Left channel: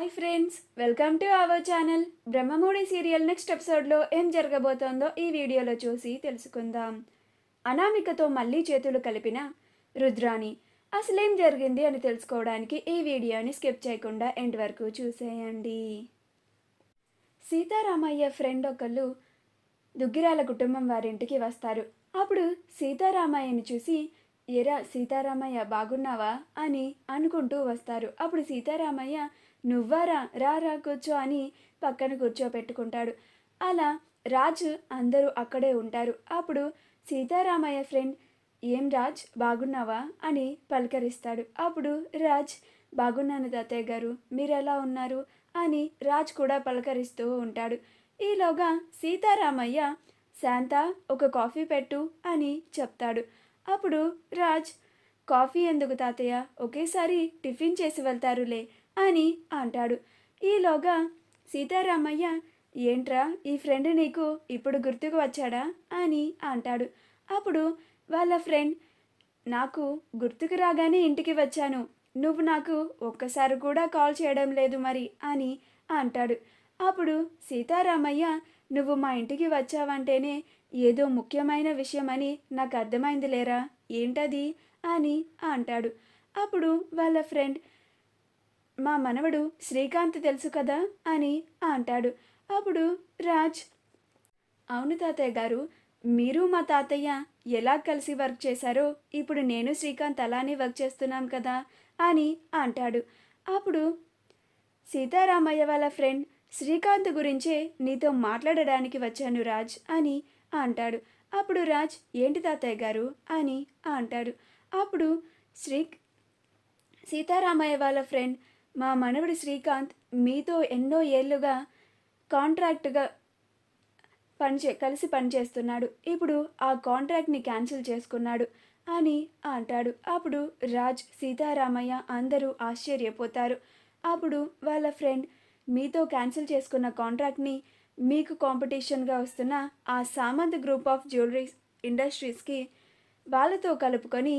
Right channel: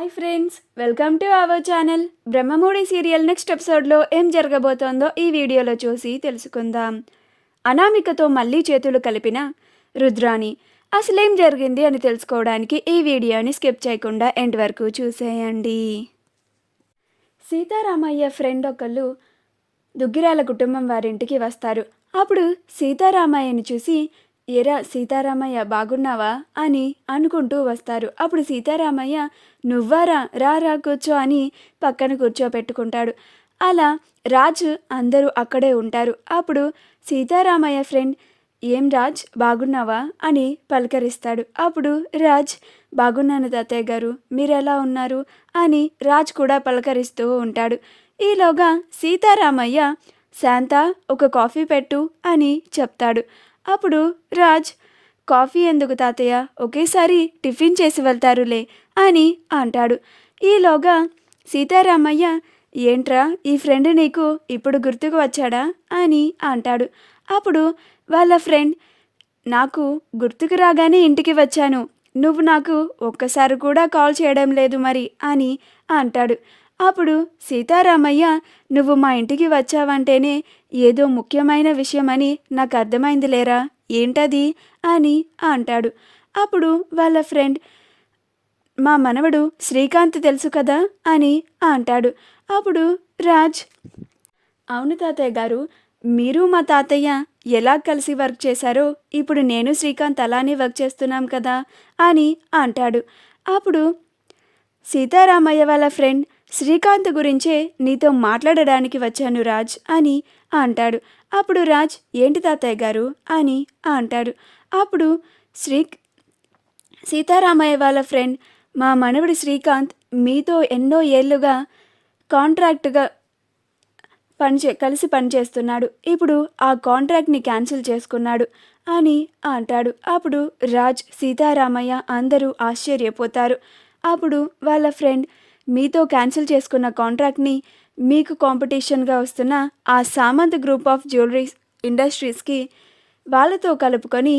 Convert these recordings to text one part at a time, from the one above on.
Hi friends, welcome to our channel. Brahmamudi serial next ఎపిసోడ్లో ఏం జరగబోతోందో ఈ వీడియోలో చూసి తెలుసుకుందాం. అనామికతో మళ్ళీ చేతులు కలిపిన రుద్రాణి అసలేం జరిగింది అని తెలుసుకోవడానికి ఈ వీడియోని స్కిప్ చేయకుండా ఎండ్ వరకు చూసేయండి. సీతారామయ్య ఫ్రెండ్ ఒకళ్ళు దుగ్గిరాల కుటుంబం వారింటికి వస్తారు. అప్పుడు సీతారామయ్యని చూసి, ఏరా సీతారామయ్య బాగున్నావా అని అనుకుంటూ వస్తారు. అప్పుడు సీతారామయ్య, నువ్వారా, రా రా కూర్చో అని పక్కన కూర్చోపెట్టుకుంటాడు. అలా రాజు అందరూ అక్కడే ఉంటారు. అప్పుడు సీతారామయ్య ఫ్రెండ్, ఏం రాజ్ బాగున్నావా అని పలకరిస్తాడు. అప్పుడు రాజ్, బాగున్నాను తాతయ్య గారు, మీరెలా ఉన్నారు అని రాజ్ కూడా పలకరిస్తూ ఉంటాడు. ఈలోగా సీతారామయ్య, శాంత ఒక కాఫీ పెట్టు అని చెప్తాడు. అప్పుడు రాజ్, కాఫీ ఎందుకు తాతయ్య, ఒకేసారి టిఫిన్ చేసి వెళ్తారులే అని అంటాడు. ఈలోగా సీతారామయ్య, ఏంట్రా ఈ ఫ్రెండ్ నీకు ఇప్పుడు గుర్తుకు వచ్చాడా అని అంటాడు. అప్పుడు వాళ్ళ ఫ్రెండ్, నాకు గుర్తుకు రాగానే ఇంటికి వచ్చాను, నువ్వు నాకు ఒక్కసారి కూడా కాల్ చేయడం లేదు మరి అని అంటాడు. అప్పుడు సీతారామయ్య, నువ్వు మా ఇంటికి వచ్చావంటేనే ఏదో ముఖ్యమైన విషయమని నాకు అర్థమైంది లేరా, ఏంటది అని అంటాడు. అప్పుడు వాళ్ళ ఫ్రెండ్, మా మనవడు శ్రీకాంత్ తెలుసు కదా అని అంటాడు. అప్పుడు రాజ్, అవును తాతయ్య గారు, మీరు మా తాతయ్య ఎలా కలిసి వర్క్ చేశారో ఇప్పుడు నేను శ్రీకాంత్ అలానే వర్క్ చేస్తున్నాం కదా అని అంటాడు. అప్పుడు సీతారామయ్య వాళ్ళ ఫ్రెండ్, శ్రీకాంత్ గురించే నీతో మాట్లాడడానికి వచ్చాను రాజ్ అని అంటాడు. అప్పుడు రాజ్, ఏంటి తాతయ్య గారు అని అంటాడు. అప్పుడు సీతారామయ్య వాళ్ళ ఫ్రెండ్, మా మనవడి శ్రీకాంత్ మీతో ఎన్నో ఏళ్ళుగా కాంట్రాక్ట్గా కలిసి పనిచేస్తున్నాడు, ఇప్పుడు ఆ కాంట్రాక్ట్ని క్యాన్సిల్ చేసుకున్నాడు అని అంటాడు. అప్పుడు రాజ్, సీతారామయ్య అందరూ ఆశ్చర్యపోతారు. అప్పుడు వాళ్ళ ఫ్రెండ్, మీతో క్యాన్సిల్ చేసుకున్న కాంట్రాక్ట్ని మీకు కాంపిటీషన్గా వస్తున్న ఆ సామంత్ గ్రూప్ ఆఫ్ జ్యువెలరీ ఇండస్ట్రీస్కి వాళ్ళతో కలుపుకొని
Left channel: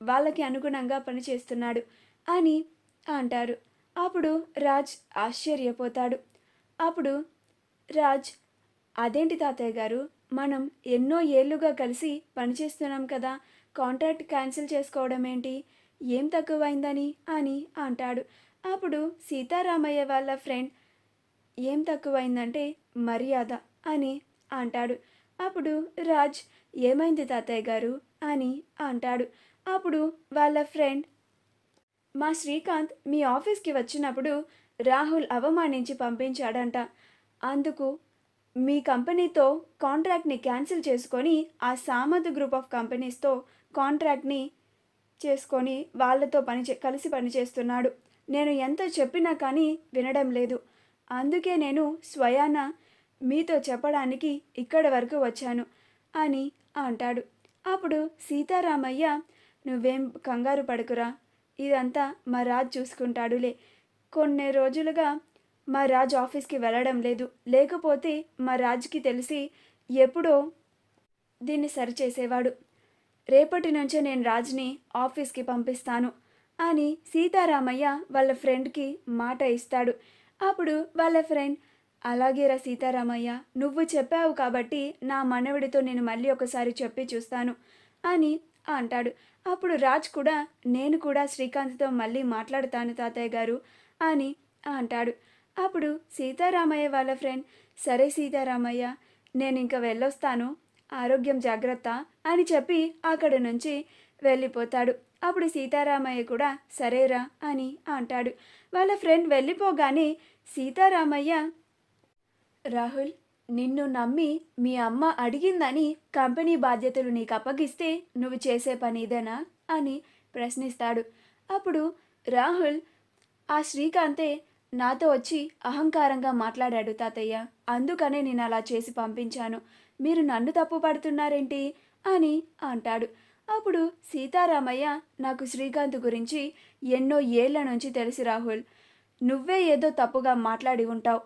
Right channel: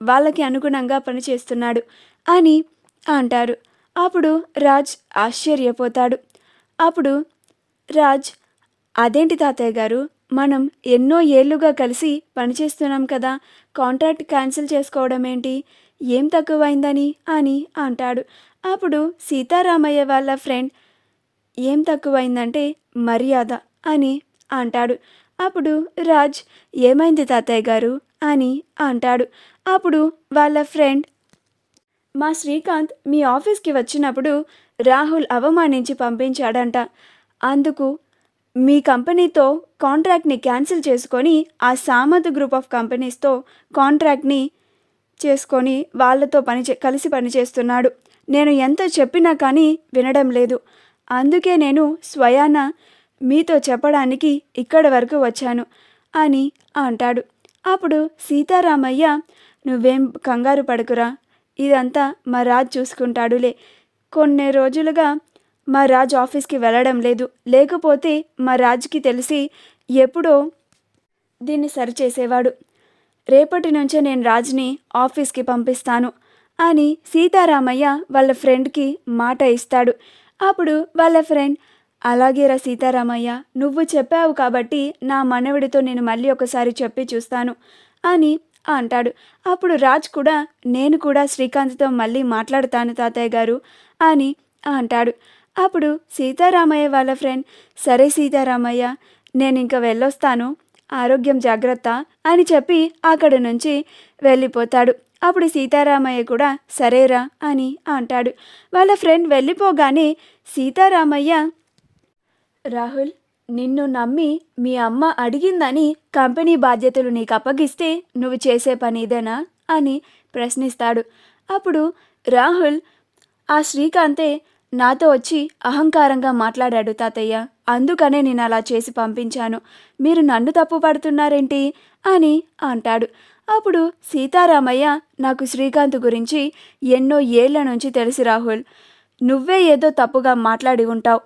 వాళ్ళకి అనుగుణంగా పనిచేస్తున్నాడు అని అంటారు. అప్పుడు రాజ్ ఆశ్చర్యపోతాడు. అప్పుడు రాజ్, అదేంటి తాతయ్య గారు, మనం ఎన్నో ఏళ్ళుగా కలిసి పనిచేస్తున్నాం కదా, కాంట్రాక్ట్ క్యాన్సిల్ చేసుకోవడం ఏంటి, ఏం తక్కువైందని అని అంటాడు. అప్పుడు సీతారామయ్య వాళ్ళ ఫ్రెండ్, ఏం తక్కువైందంటే మర్యాద అని అంటాడు. అప్పుడు రాజ్, ఏమైంది తాతయ్య గారు అని అంటాడు. అప్పుడు వాళ్ళ ఫ్రెండ్, మా శ్రీకాంత్ మీ ఆఫీస్కి వచ్చినప్పుడు రాహుల్ అవమానించి పంపించాడంట, అందుకు మీ కంపెనీతో కాంట్రాక్ట్ని క్యాన్సిల్ చేసుకొని ఆ సామంత్ గ్రూప్ ఆఫ్ కంపెనీస్తో కాంట్రాక్ట్ని చేసుకొని వాళ్ళతో కలిసి పనిచేస్తున్నాడు. నేను ఎంత చెప్పినా కానీ వినడం లేదు, అందుకే నేను స్వయాన మీతో చెప్పడానికి ఇక్కడి వరకు వచ్చాను అని అంటాడు. అప్పుడు సీతారామయ్య, నువ్వేం కంగారు పడకురా, ఇదంతా మా రాజ్ చూసుకుంటాడులే, కొన్ని రోజులుగా మా రాజ్ ఆఫీస్కి వెళ్ళడం లేదు, లేకపోతే మా రాజ్కి తెలిసి ఎప్పుడో దీన్ని సరిచేసేవాడు, రేపటి నుంచే నేను రాజ్ని ఆఫీస్కి పంపిస్తాను అని సీతారామయ్య వాళ్ళ ఫ్రెండ్కి మాట ఇస్తాడు. అప్పుడు వాళ్ళ ఫ్రెండ్, అలాగేరా సీతారామయ్య, నువ్వు చెప్పావు కాబట్టి నా మనవడితో నేను మళ్ళీ ఒకసారి చెప్పి చూస్తాను అని అంటాడు. అప్పుడు రాజ్ కూడా, నేను కూడా శ్రీకాంత్తో మళ్ళీ మాట్లాడతాను తాతయ్య గారు అని అంటాడు. అప్పుడు సీతారామయ్య వాళ్ళ ఫ్రెండ్, సరే సీతారామయ్య, నేను ఇంక వెళ్ళొస్తాను, ఆరోగ్యం జాగ్రత్త అని చెప్పి అక్కడి నుంచి వెళ్ళిపోతాడు. అప్పుడు సీతారామయ్య కూడా సరేరా అని అంటాడు. వాళ్ళ ఫ్రెండ్ వెళ్ళిపోగానే సీతారామయ్య, రాహుల్, నిన్ను నమ్మి మీ అమ్మ అడిగిందని కంపెనీ బాధ్యతలు నీకు అప్పగిస్తే నువ్వు చేసే పని ఇదేనా అని ప్రశ్నిస్తాడు. అప్పుడు రాహుల్, ఆ శ్రీకాంతే నాతో వచ్చి అహంకారంగా మాట్లాడాడు తాతయ్య, అందుకనే నేను అలా చేసి పంపించాను, మీరు నన్ను తప్పు పడుతున్నారేంటి అని అంటాడు. అప్పుడు సీతారామయ్య, నాకు శ్రీకాంత్ గురించి ఎన్నో ఏళ్ల నుంచి తెలిసి రాహుల్, నువ్వే ఏదో తప్పుగా మాట్లాడి ఉంటావు,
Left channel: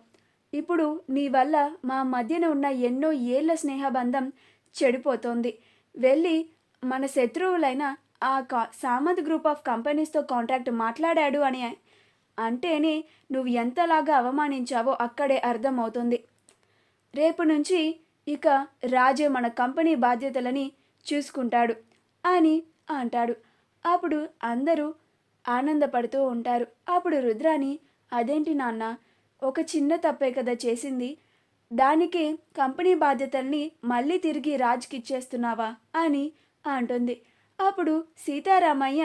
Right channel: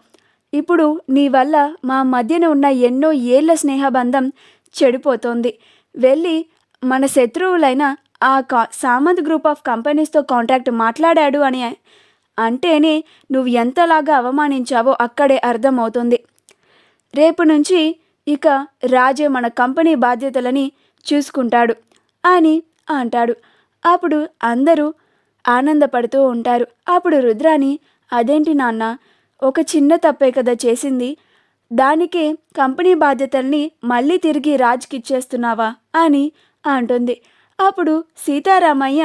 ఇప్పుడు నీ వల్ల మా మధ్యన ఉన్న ఎన్నో ఏళ్ల స్నేహబంధం చెడిపోతోంది, వెళ్ళి మన శత్రువులైన ఆ సామంత్ గ్రూప్ ఆఫ్ కంపెనీస్తో కాంట్రాక్ట్ మాట్లాడాడు అని అంటేనే నువ్వు ఎంతలాగా అవమానించావో అక్కడే అర్థమవుతుంది. రేపు నుంచి ఇక రాజే మన కంపెనీ బాధ్యతలని చూసుకుంటాడు అని అంటాడు. అప్పుడు అందరూ ఆనందపడుతూ ఉంటారు. అప్పుడు రుద్రాని, అదేంటి నాన్న, ఒక చిన్న తప్పే కదా చేసింది, దానికే కంపెనీ బాధ్యతల్ని మళ్ళీ తిరిగి రాజ్కి ఇచ్చేస్తున్నావా అని అంటుంది. అప్పుడు సీతారామయ్య,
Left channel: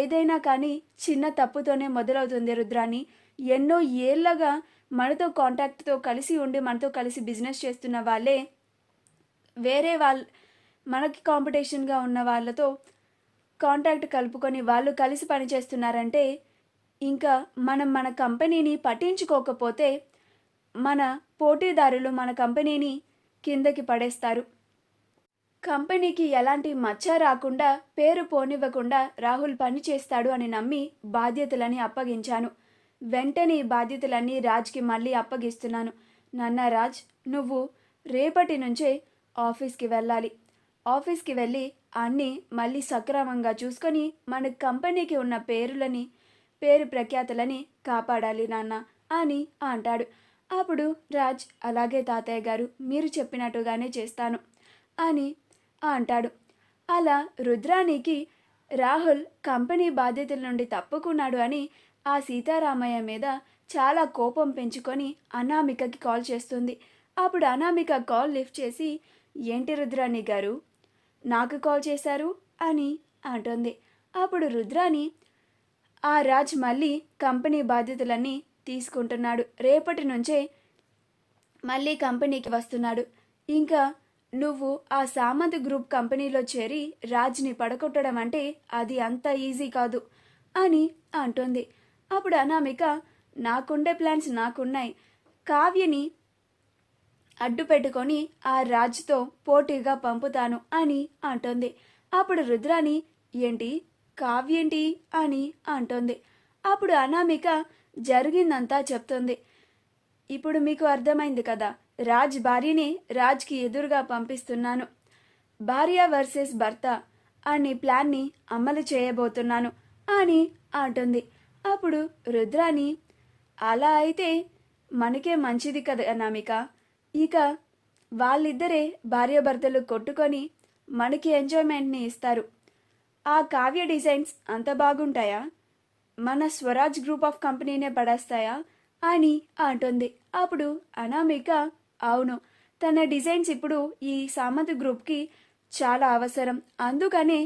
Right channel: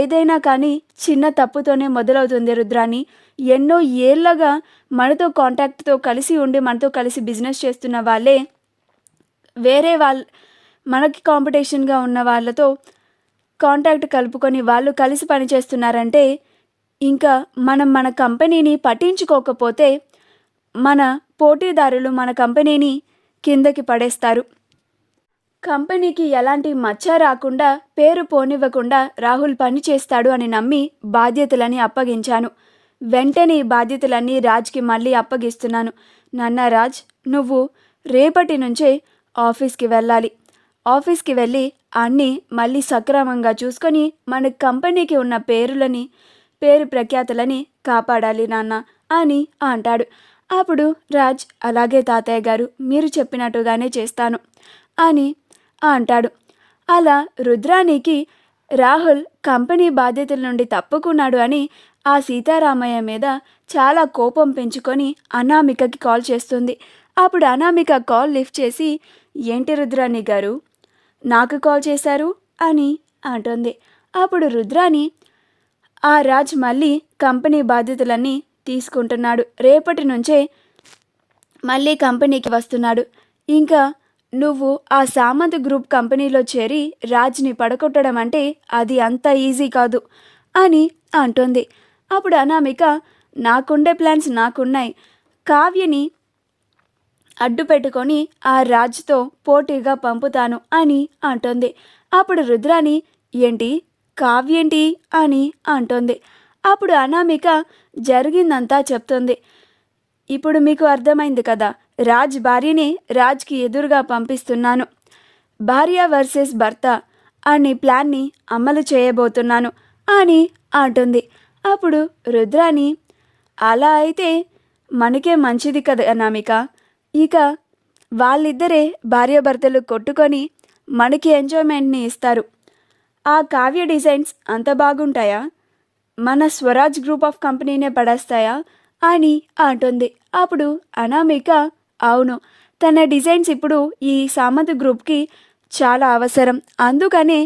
ఏదైనా కానీ చిన్న తప్పుతోనే మొదలవుతుంది రుద్రాని. ఎన్నో ఏళ్ళగా మనతో కాంటాక్ట్తో కలిసి ఉండి మనతో కలిసి బిజినెస్ చేస్తున్న వాళ్ళే వేరే మనకి కాంపిటీషన్గా ఉన్న వాళ్ళతో కాంటాక్ట్ కలుపుకొని వాళ్ళు కలిసి పనిచేస్తున్నారంటే ఇంకా మనం మన కంపెనీని పట్టించుకోకపోతే మన పోటీదారులు మన కంపెనీని కిందకి పడేస్తారు. కంపెనీకి ఎలాంటి మచ్చ రాకుండా, పేరు పోనివ్వకుండా రాహుల్ పని చేస్తాడు అని నమ్మి బాధ్యతలని అప్పగించాను. వెంటనే ఈ బాధ్యతలన్నీ రాజ్కి మళ్ళీ అప్పగిస్తున్నాను. నాన్న రాజ్, నువ్వు రేపటి నుంచే ఆఫీస్కి వెళ్ళాలి. ఆఫీస్కి వెళ్ళి అన్నీ మళ్ళీ సక్రమంగా చూసుకొని మన కంపెనీకి ఉన్న పేరు ప్రఖ్యాతులని కాపాడాలి నాన్న అని అంటాడు. అప్పుడు రాజ్, అలాగే తాతయ్య గారు, మీరు చెప్పినట్టుగానే చేస్తాను అని అంటాడు. అలా రుద్రానికి రాహుల్ కంపెనీ బాధ్యతల నుండి తప్పుకున్నాడు అని ఆ సీతారామయ్య మీద చాలా కోపం పెంచుకొని అనామికకి కాల్ చేస్తుంది. అప్పుడు అనామిక కాల్ లిఫ్ట్ చేసి, ఏంటి రుద్రాని గారు, నాకు కాల్ చేశారు అని అంటుంది. అప్పుడు రుద్రాని, ఆ రాజ్ మళ్ళీ కంపెనీ బాధ్యతలన్నీ తీసుకుంటున్నాడు. రేపటి నుంచే మళ్ళీ కంపెనీకి వస్తున్నాడు. ఇంకా నువ్వు ఆ సామంత్ గ్రూప్ కంపెనీలో చేరి రాజ్ని పడగొట్టడం అంటే అది అంత ఈజీ కాదు అని అంటుంది. అప్పుడు అనామిక, నాకుండే ప్లాన్స్ నాకున్నాయి, కావ్యని అడ్డు పెట్టుకొని ఆ రాజ్తో పోటీగా పంపుతాను అని అంటుంది. అప్పుడు రుద్రాని, ఏంటి కావ్యేంటి అని అంటుంది. అప్పుడు అనామిక జరిగిందంతా చెప్తుంది. ఇప్పుడు మీకు అర్థమైంది కదా, రాజ్ భార్యని రాజ్కి ఎదురుగా పంపిస్తున్నాను, భార్య వర్సెస్ భర్త అనే ప్లాన్ని అమలు చేయబోతున్నాను అని అంటుంది. అప్పుడు రుద్రాని, అలా అయితే మనకే మంచిది కదా అనామిక, ఇక వాళ్ళిద్దరే భార్యాభర్తలు కొట్టుకొని మనకి ఎంజాయ్మెంట్ని ఇస్తారు. ఆ కావ్య డిజైన్స్ అంత బాగుంటాయా, మన స్వరాజ్ గ్రూప్ ఆఫ్ కంపెనీనే పడేస్తాయా అని అంటుంది. అప్పుడు అనామిక, అవును, తన డిజైన్స్ ఇప్పుడు ఈ సామంత్ గ్రూప్కి చాలా అవసరం, అందుకనే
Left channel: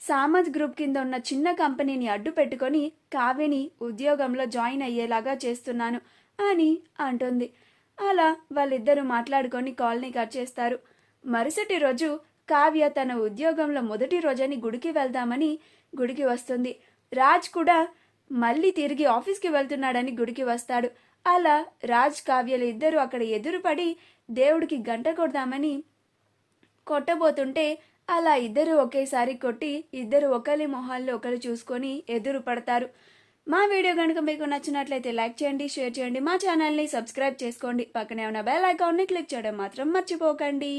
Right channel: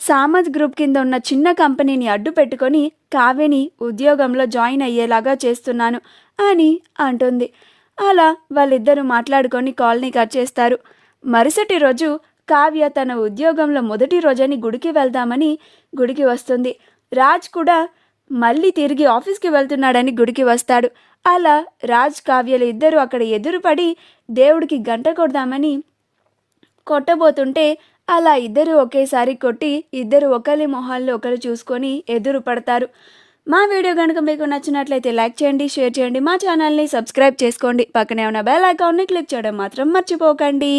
సామంత్ గ్రూప్ కింద ఉన్న చిన్న కంపెనీని అడ్డు పెట్టుకొని కావ్యని ఉద్యోగంలో జాయిన్ అయ్యేలాగా చేస్తున్నాను అని అంటుంది. అలా వాళ్ళిద్దరూ మాట్లాడుకొని కాల్ని కట్ చేస్తారు. మరుసటి రోజు కావ్య తన ఉద్యోగంలో మొదటి రోజని గుడికి వెళ్దామని గుడికి వస్తుంది. రాజ్ కూడా మళ్ళీ తిరిగి ఆఫీస్కి వెళ్తున్నాడని గుడికి వస్తాడు. అలా రాజ్ కావ్యలు ఇద్దరు అక్కడ ఎదురుపడి దేవుడికి గంట కొడదామని కొట్టబోతుంటే అలా ఇద్దరు ఒకేసారి కొట్టి ఇద్దరు ఒకరి మొహాల్లో ఒకరు చూసుకొని ఎదురు పడతారు. మా వీడియో కనుక మీకు నచ్చినట్లయితే లైక్ చేయండి, షేర్ చేయండి, మా ఛానల్ని సబ్స్క్రైబ్ చేసుకోండి, పక్కనే ఉన్న బెల్ ఐకాన్ని క్లిక్ చేయడం మాత్రం మర్చిపోకండి.